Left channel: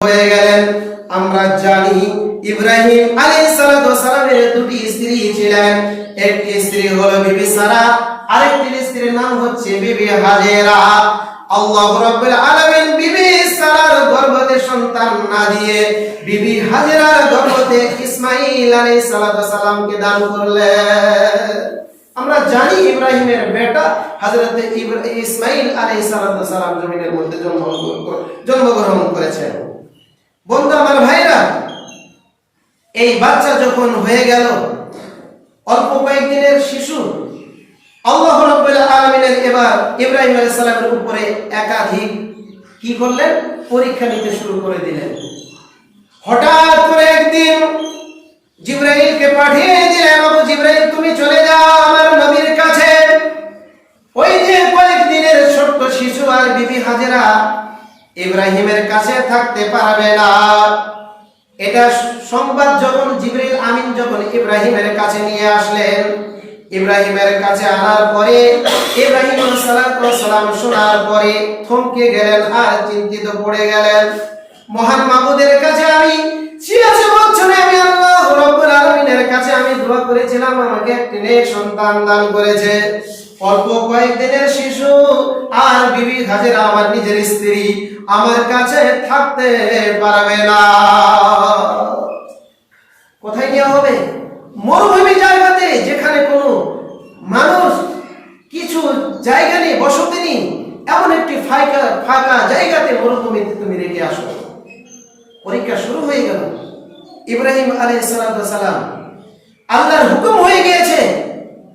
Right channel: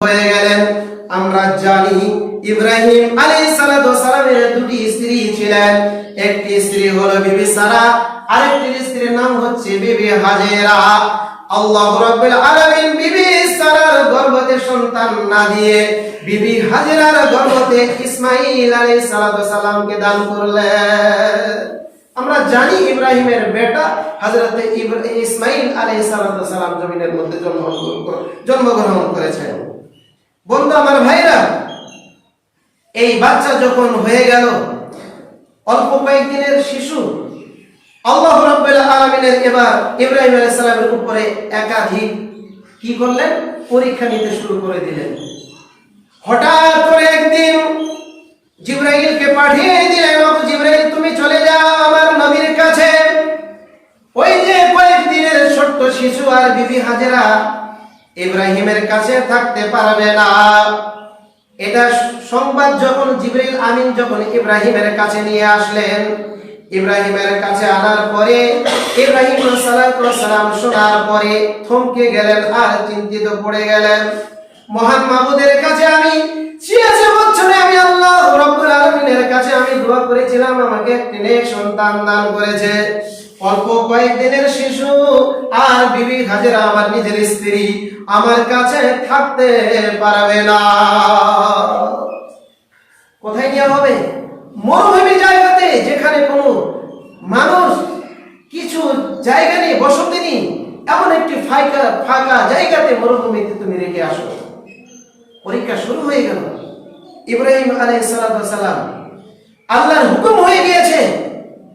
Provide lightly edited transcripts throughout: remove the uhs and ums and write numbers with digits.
হয়ে গেলেন। আমরা জানি ইব্রাহিম আলাইহিস সালামের দুটি স্ত্রী ছিলেন। একটি স্ত্রী হলো বিবি সারা, আরেকটি স্ত্রীর নাম হচ্ছে বিবি হাজেরা। আল্লাহ রাব্বুল আলামিন বিবি সারার গর্ভে সন্তান না দিয়ে বিবি হাজেরার গর্ভে ইসমাঈল আলাইহিস সালামকে দান করলেন। আমরা জানি ইব্রাহিমের বেটা হযরত ইসমাঈল আলাইহিস সালাম জমিনের মধ্যে জন্মগ্রহণ করেছেন। বন্ধু আমার ভাইরা, এই বাচ্চা যখন হয়ে গেল, অল্প কয়েকদিনের শিশু, আল্লাহ রাব্বুল আলামিনের এবার ইব্রাহিম আলাইহিস সালামের উপরে একাধিক কি করলেন, পরীক্ষা নিতে শুরু করে দিলেন। হঠাৎ করে একদিন জিবরাইলকে পাঠিয়ে দিলেন, আবু জিবরাইল তুমি চলে যাও আমার নবীর কাছে। ওই যে কয়েকদিনের ছোট্ট শিশু আর বিবি হাজেরা ইব্রাহিমের কাছে থাকতে পারবে না। এটা সংবাদ যখন জিবরাইল আমিন যখন ইব্রাহিমের কাছে নিয়ে আসলেন, ইব্রাহিমের কাছে আনার পরে ইব্রাহিম আলাইহিস সালাম শোনার পরে থমকে গেলেন আর চিন্তিত পড়ে গেলেন। মহান মাবুদের কাছে আমি 86 বছরে আমি আল্লাহ রাব্বুল আলামিনের কাছে আমি দোয়া করেছিলাম, আমাকে একটি নেক সন্তান দান করেছে। অল্প কয়েকদিনের শিশু আর বিবি হাজেরা আমার নিজের স্ত্রী আমার কাছে থাকতে পারবে না। কোথায় নিয়ে হবে? মরুভূমি জায়গাতে, যেখানে কোনো মানুষ কিছু জায়গা নেই, বসতি নেই, এমন একটি ফাঁকা জায়গাতে মরুভূমিতে তুমি রেখে আসো। পরীক্ষা শুরু হয়ে গেল। ইব্রাহিম আলাইহিস সালাম আল্লাহর হুকুম হয়ে গিয়েছে,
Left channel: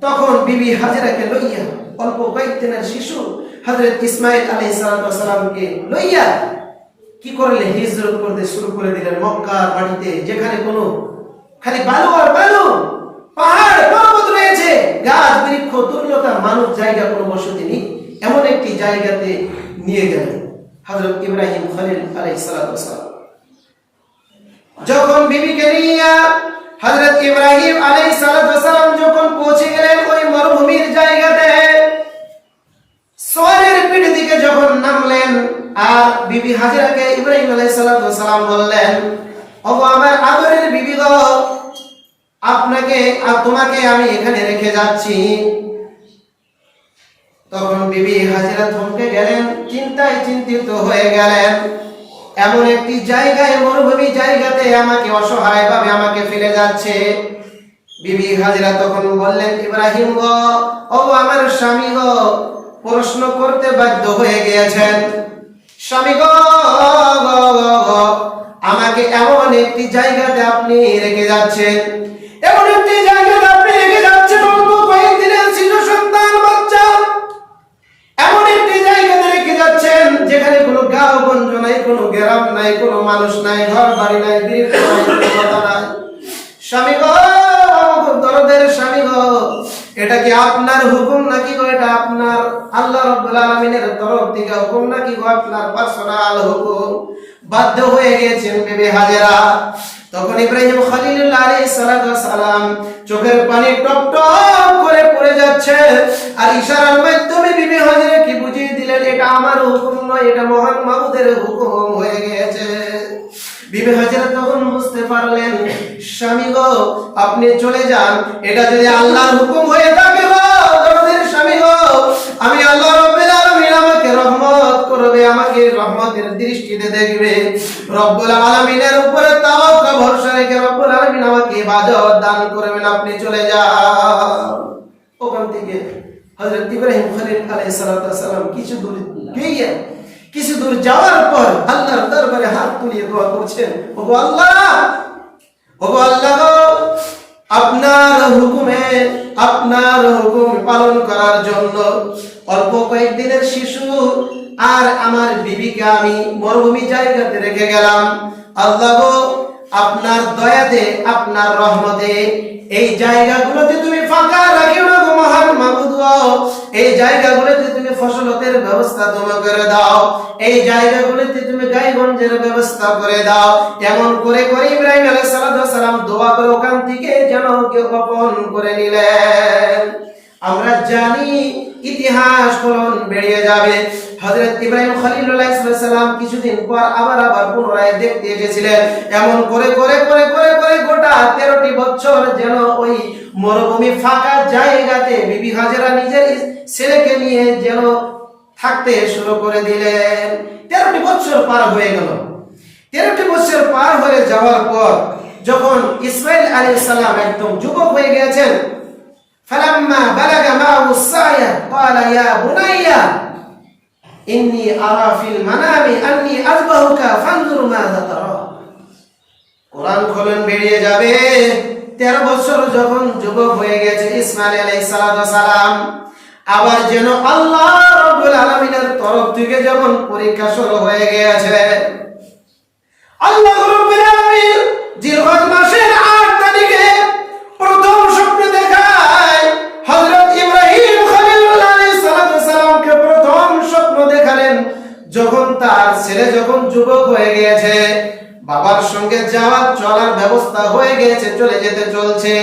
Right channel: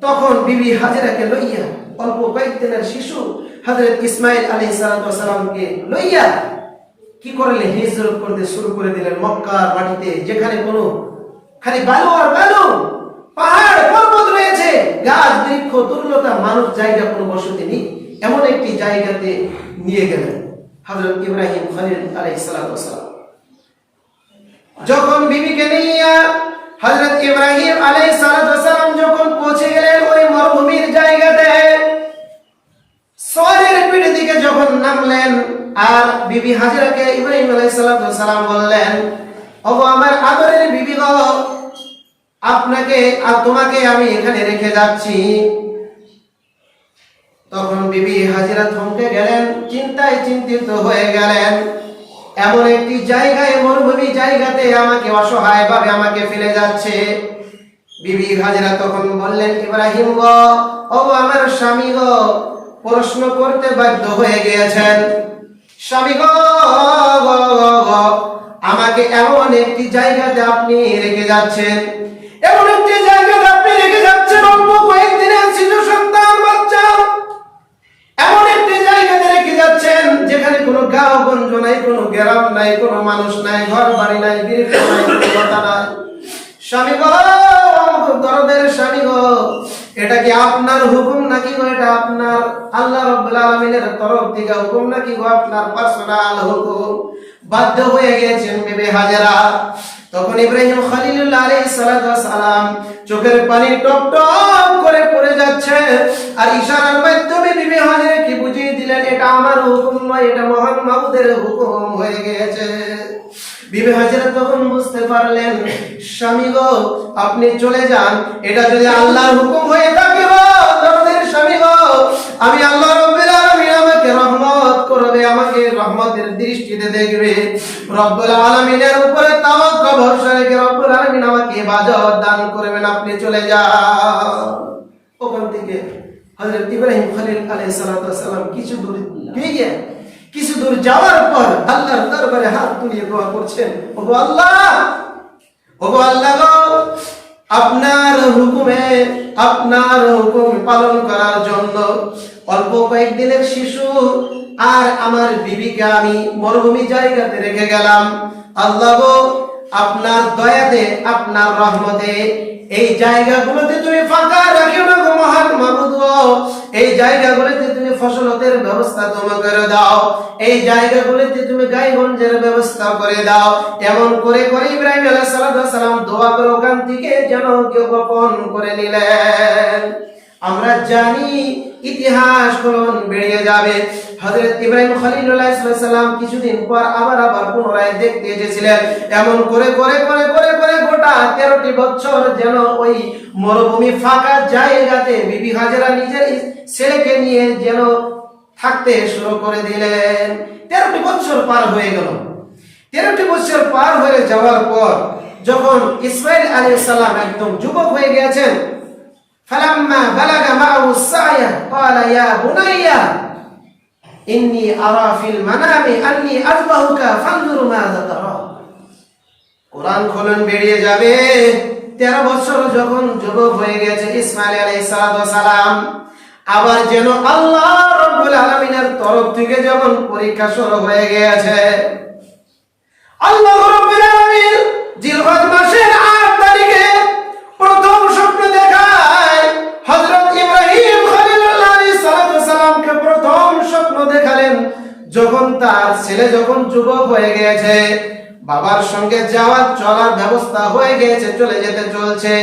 তখন বিবি হাজেরাকে লইয়া অল্প কয়েকদিনের শিশু হযরত ইসমাঈল আলাইহিস সালামকে লইয়া কি করলেন, হিজরত করতে শুরু করে দিলেন মক্কার মাটিতে, যেখানে কোনো খালি বালু আর বালু, পাহাড় পর্বত রয়েছে, গাছ বৃক্ষ দুর্লতা, মানুষ জায়গা কোনো বসতি নেই, এমন একটি জায়গাতে নিয়ে গেলেন হযরত ইব্রাহিম খলিল আলাইহিস সালাম। যখন বিবিকে নিয়ে হযরত ইব্রাহিম আলাইহিস সালাম যখন পৌঁছে গেলেন ওই মরুভূমির জায়গাতে, সোয়ারের পিঠ দিকে যখন নামলেন, আর বিবি হাজেরাকে ইব্রাহিম আলাইহিস সালাম বললেন, ওগো আমার আদরের বিবি গো, আপনাকে আর তোমাকে আমি এখানে রেখে যাচ্ছি। তখন বিবি হাজেরা থমকে গেলেন, চিন্তায় চিন্তিত হয়ে গেলেন। এমন একটি জায়গায়, মরুভূমি জায়গাতে আমাকে অসহায় ভাবে আমাকে ফেলে যাচ্ছে। বিবি হাজেরা তখন বললেন, ইব্রাহিম গো, ও আমার স্বামী গো, প্রশ্ন করতে বাধ্য হয়ে গিয়েছেন। স্বামী গো, আমাকে এমন একটি জায়গাতে আপনি রেখে যাচ্ছেন, এমন একটি জায়গাতে আপনি রেখে যাচ্ছেন, অল্প কয়েকদিনের শিশু সন্তান বাচ্চা, এমন একটি জায়গাতে রেখে যাচ্ছেন যেখানে কোনো গাঁও গঞ্জ নাই, কোনো গ্রাম নাই, কোনো মানুষ নাই, ঘর বাড়ি নাই, বৃক্ষ নাই, কোনো কথা নাই। স্বামী গো, দরদের স্বামী গো, এটা কি আপনার হুকুম নাকি গো? এটা আপনার আল্লাহ রাব্বুল আলামিনের তরফ থেকে হুকুম নাকি গো? আপনার পার্সোনাল হুকুম? বাধ্য হয়ে গেছেন বিবি হাজেরা। তখন ইব্রাহিম খলিলুল্লাহ আলাইহিস সালাম চোখের পানি টপ টপ করে পড়ে যাচ্ছে, আর ইশারার মাধ্যমে বিবি হাজেরা কি বুঝিয়ে দিলেন, এটা আমার হুকুম নয়, এটা মহান মাবুদের হুকুম হয়ে গিয়েছে। বিবি হাজেরা তখন বুঝতে পারলেন, স্বামী গো আপনি চলে যান, এটা যদি আল্লাহর হুকুম হয়ে থাকে গো, দরদের স্বামী গো, আমি আল্লাহ রাব্বুল আলামিন আমাকে রহমত করবে, আমাকে রহমতের দৃষ্টিতে দেখবে। রব্বুল আলামিনের উপরে তাওয়াক্কুল ভরসা রেখে রব্বুল আলামিন আমাকে ইবাদত দান করবেন, আপনি চলে যান। ওখান থেকে হযরত ইব্রাহিম খলিল আলাইহিস সালাম কিছু দূর গিয়ে, কিছু দূর যাওয়ার পর আল্লাহর দরবারে হাত তুলিয়ে দোয়া করছেন, ওগো আল্লাহ, ওগো আল্লাহ গো, আপনার হুকুমে, আপনার হুকুম পালন করার জন্য অল্প কয়েকদিনের শিশু আর আমার বিবিকে আমি মরুভূমি জায়গাতে রেখে গেলাম। আল্লাহ গো, আপনার দয়াতে, আপনার রহমতে এই জায়গাগুলোতে তুমি ফাঁকা রাখিও না গো মহান মাবুদ গো, এই জায়গাগুলোতে তুমি ফসলতের ব্যবস্থা তুমি করে দাও, এই জায়গাগুলোতে তুমি গাইগঞ্জের ব্যবস্থা করে দাও। এমন করে করে ইব্রাহিম আলাইহিস সালাম দোয়া করে ওখান থেকে যেন কেউ গোপন করে নিলেন। আমরা জানি ইতিহাস ফলন বেরিয়ে যাবে। হযরত ইব্রাহিম খলিলুল্লাহ সাল্লাম কিছুদিন পর আবার পুনরায় দেখতে এসেছিলেন। এমন করে গোটা 13টি বছর যেন ওই মরুভূমি ফাঁকা জায়গাতে বিবি হাজেরা নিজের ছেলেকে নিয়ে যেন থাকতে শুরু করে দিলেন। 13টি বছর পার হয়ে গেল। 13টি বছর পার হয়ে যাওয়ার পর যখন ইসমাঈল আলাইহিস সালাম একদম যুবক হয়ে গিয়েছেন, ফালাম্মা বালাগা মা'হু সা'য়া ক্বালা ইয়া বুনাইয়া ইন্নী আরা ফিল মানামি আন্নী আযবাহুকা ফানজুর মাযা তারা। কোরআন খোলন বেরিয়ে যাবে। 13 বছর যখন যুবক হয়ে গেছে ইসমাঈল আলাইহিস সালাম, আবার যেন আল্লাহ রাব্বুল আলামিনের তরফ থেকে যেমন পরীক্ষা শুরু হয়ে গিয়েছে। আল্লাহ রাব্বুল আলামিন জিলহজ মাসের 8 তারিখে প্রথম স্বপ্ন দেখায় হযরত ইব্রাহিম খলিলুল্লাহ আলাইহিস সালামকে প্রথম স্বপ্ন দেখালেন যখন তার ছেলে যখন যুবক হয়ে গিয়েছে, বাবার সঙ্গে যাওয়া চলার ব্যবস্থা হয়ে গিয়েছে, চলে যেতে চলছে,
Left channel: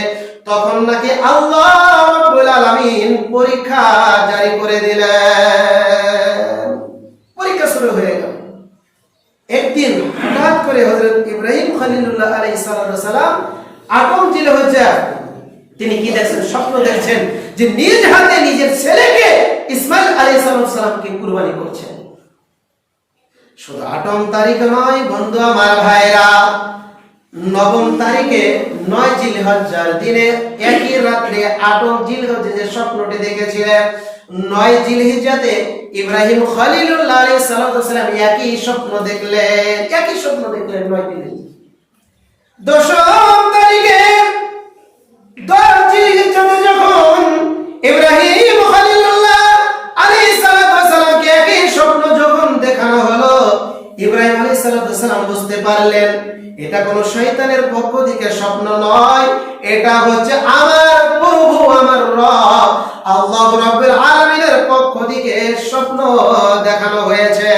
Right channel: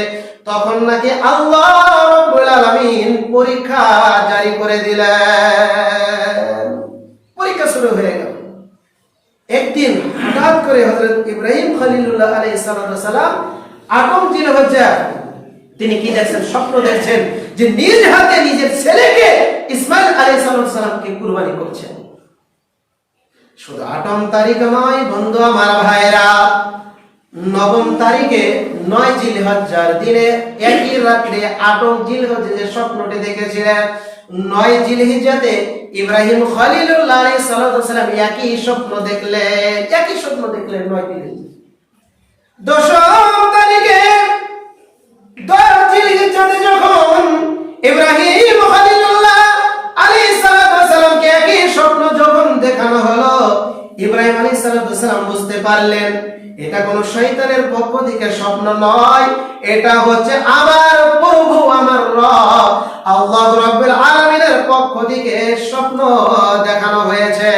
তখন নাকি আল্লাহ রাব্বুল আলামিন পরীক্ষা জারি করে দিলেন। পরীক্ষা শুরু হয়ে গেল। একদিন হঠাৎ করে হযরত ইব্রাহিম খলিলুল্লাহ আলাইহিস সালাম আদম জিলহজ্জা তিনি কি দেখছেন? স্বপ্ন দেখছেন যে নিজ হাতে নিজের ছেলেকে ইসমাঈল আলাইহিস সালামকে কুরবানি করছেন। শুধু 8 তারিখ নয় বন্ধু আমার ভাইরা, 9 তারিখে 9 জিলহজ্জার দিনে একই রাত্রে 8 জিলহজ্জা যে স্বপ্নটি দেখেছিলেন, 9 জিলহিজ্জাতে ইব্রাহিম খলিলুল্লাহ আলাইহিস সালাম একই স্বপ্ন দেখলেন। 9 জিলহিজ্জা। 10 তারিখে 10 জিলহিজ্জাতে যখন ইব্রাহিম খলিলুল্লাহ আলাইহিস সালামকে একই স্বপ্ন যখন দেখানো হলো, ইব্রাহিম আলাইহিস সালাম বুঝতে পারলেন এটা কোনো শয়তানের পক্ষ থেকে স্বপ্ন নয়, এটা হচ্ছে আমার প্রভু আমার রব আল্লাহ রাব্বুল আলামিনের পক্ষ থেকে স্বপ্ন দেখানো হয়েছে।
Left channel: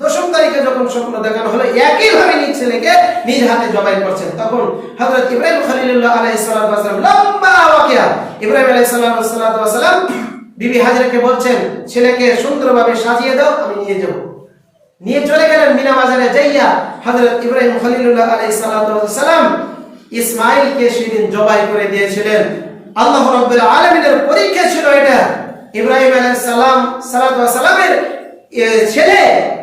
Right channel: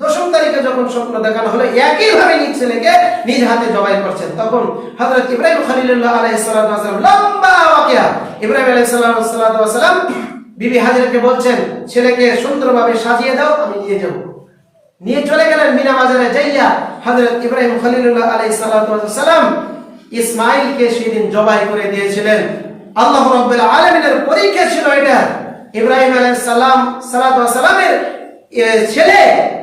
10 তারিখে যখন স্বপ্ন দেখানো হলো একই ভাবে নিজ ছেলেকে নিজ হাতে জবাই করছেন, তখন হযরত ইব্রাহিম খলিলুল্লাহ আলাইহিস সালাম লম্বা ওয়াকিয়া ইব্রাহিম আলাইহিস সালাম বিবি হাজেরাকে বলছেন ছেলেকে সুন্দরভাবে সাজিয়ে দাও, আমি নিয়ে যাব। নিয়ে চলে গেলেন মিনা বাজারে যাইয়া হযরত ইব্রাহিম খলিলুল্লাহ আলাইহিস সালাম ইসমাঈলকে সেদিন জবাই করে দিয়েছিলেন। আল্লাহ রাব্বুল আলামিনের পরীক্ষা ছিল এটা। ইব্রাহিম আলাইহিস সালামের ছেলে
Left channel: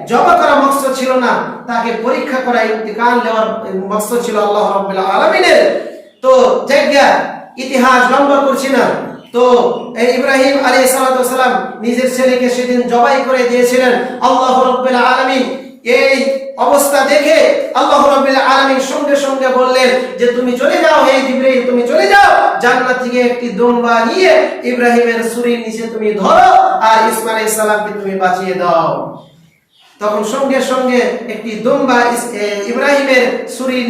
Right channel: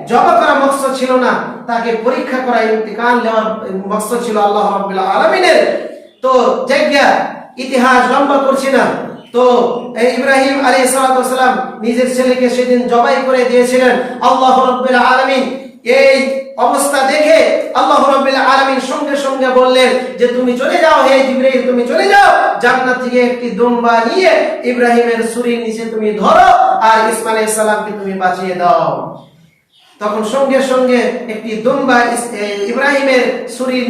জবাই করা মকসদ ছিল না, তাকে পরীক্ষা করা ইন্তিকাল নেওয়ার মকসদ ছিল আল্লাহ রাব্বুল আলামিনের। তো জায়গা ইতিহাস লম্বা করছি না, তো ইব্রাহিম আলাইহিস সালাম নিজের ছেলেকে সেদিন জবাই করে দিয়েছিলেন। আল্লাহ রাব্বুল আলামিন এই অবস্থা দেখে আল্লাহ রাব্বুল আলামিন সঙ্গে সঙ্গে বললেন যে তুমি চলে যাও, হে জিবরাইল তুমি চলে যাও, জান্নাত থেকে একটি দুম্বা নিয়ে ইব্রাহিমের ছুরির নিচে তুমি ধরো আর ইসমাঈল আলাইহিস সালামকে তুমি বাঁচিয়ে দাও। তখন সঙ্গে সঙ্গে একটি দুম্বা ইব্রাহিমের ছুরির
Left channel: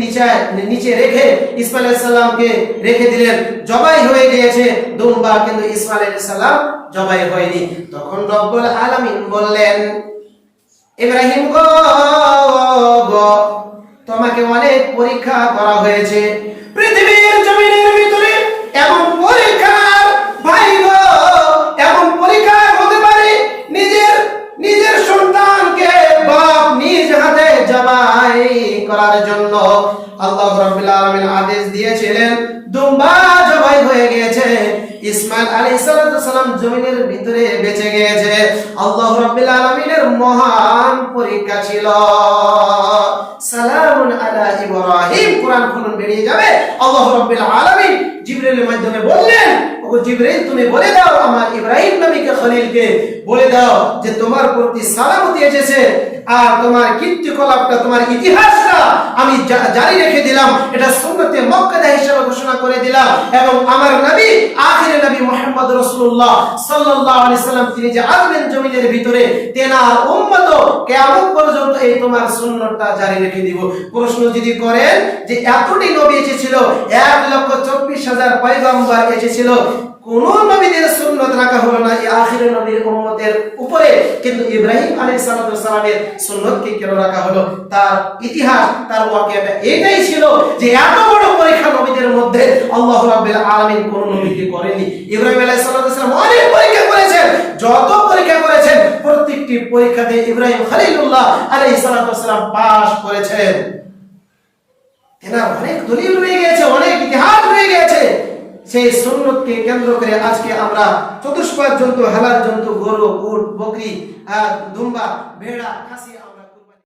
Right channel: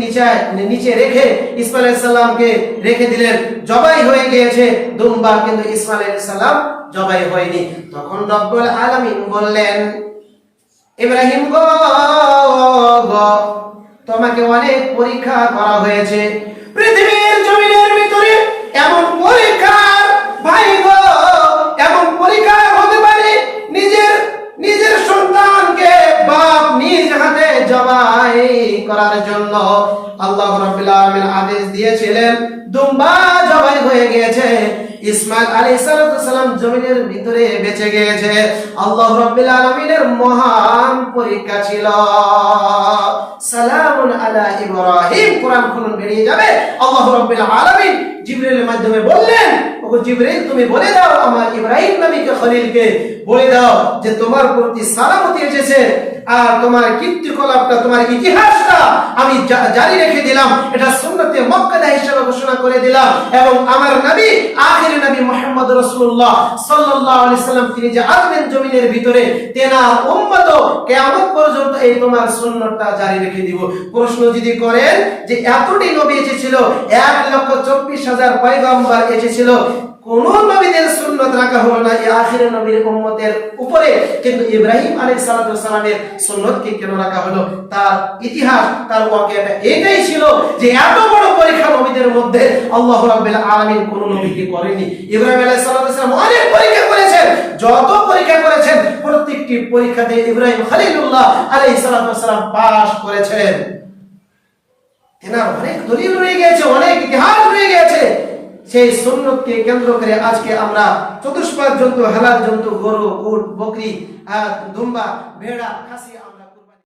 নিচে রেখে ইসমাঈল আলাইহিস সালামকে রেখে দিলেন। জবাই হয়ে গিয়েছে দুম্বা, কিন্তু ইসমাঈল আলাইহিস সালাম জবাই হয়নি। তখন রব্বুল আলামিন বললেন ইব্রাহিম গো তোমাকে অনেক পরীক্ষা করা হয়েছে, পৃথিবীর জমিনের ভিতরে এমন পরীক্ষার ভাই গো এমন পরীক্ষা হতে পারে নিজের সন্তানকে বাপ নিজ হাতে জবাই করার জন্য আল্লাহ রাব্বুল আলামিন আদেশ দিয়েছিলেন, দুম্বা জবাই হয়ে গিয়েছে, ইসমাঈল আলাইহিস সালাম জমিনের ভিতরে বেঁচে গিয়েছে। আল্লাহ রাব্বুল আলামিনের মহান পরীক্ষা ছিল। সালামুন আলা ইব্রাহিম, কোরআন খুলুন বেরিয়ে যাবে। আল্লাহ রাব্বুল আলামিন জিবরাইলের মাধ্যমে বললেন, ওগো জিবরাইল তুমি বলে দাও আমার ইব্রাহিম নবীকে খলিলকে বলে দাও যে তোমার প্রতি সালামতি এসেছে, আর তোমার কীর্তিকলাপটা তোমার ইতিহাসটা আমি জারি রেখে দিলাম, এটা সুন্নতে মুআক্কাদা হিসেবে ঘোষণা করে দিলাম। এবং আমার নবী আখির নবী মুহাম্মদ রাসূলুল্লাহ সাল্লাল্লাহু আলাইহি সাল্লাম তিনি যে আসবেন জমিনের ভিতরে, তেনার উম্মত কিয়ামত পর্যন্ত এই তোমার সুন্নতটা জারি রেখে দিব। প্রশ্ন যদি করেন যে এতটি নবী এসেছিল, 1,24,000 পয়গম্বর এসেছিল, কোন নবীদের সুন্নত রাখা হলো না এই আখির নবীর উম্মতের উপরে, কিন্তু ইব্রাহিম আলাইহিস সালামের সুন্নতকে কেন রাখা হলো? তার ইতিহাস তার ওয়াকিয়াটা এটাই ছিল যে এত বড় পরীক্ষা নবীদের মধ্যে আল্লাহ রাব্বুল আলামিন কোন নবীকে করেনি। ইব্রাহিম আলাইহিস সালাম অনেক পরীক্ষা করেছেন, যত পরীক্ষা করেছেন প্রত্যেকটি পরীক্ষাতে ইব্রাহিম খলিলুল্লাহ আলাইহিস সালাম পাস করেছেন। এনার অনেক দলিল রয়ে গেছে, অনেক ইতিহাস রয়ে গেছে। সেই সুন্নতকে কেন্দ্র করে আজকে আমরা চতুষ্পাদ জন্তু, হালাল জন্তু, গরু, উট, বকরি, দুম্বা, ভেড়া, খাসি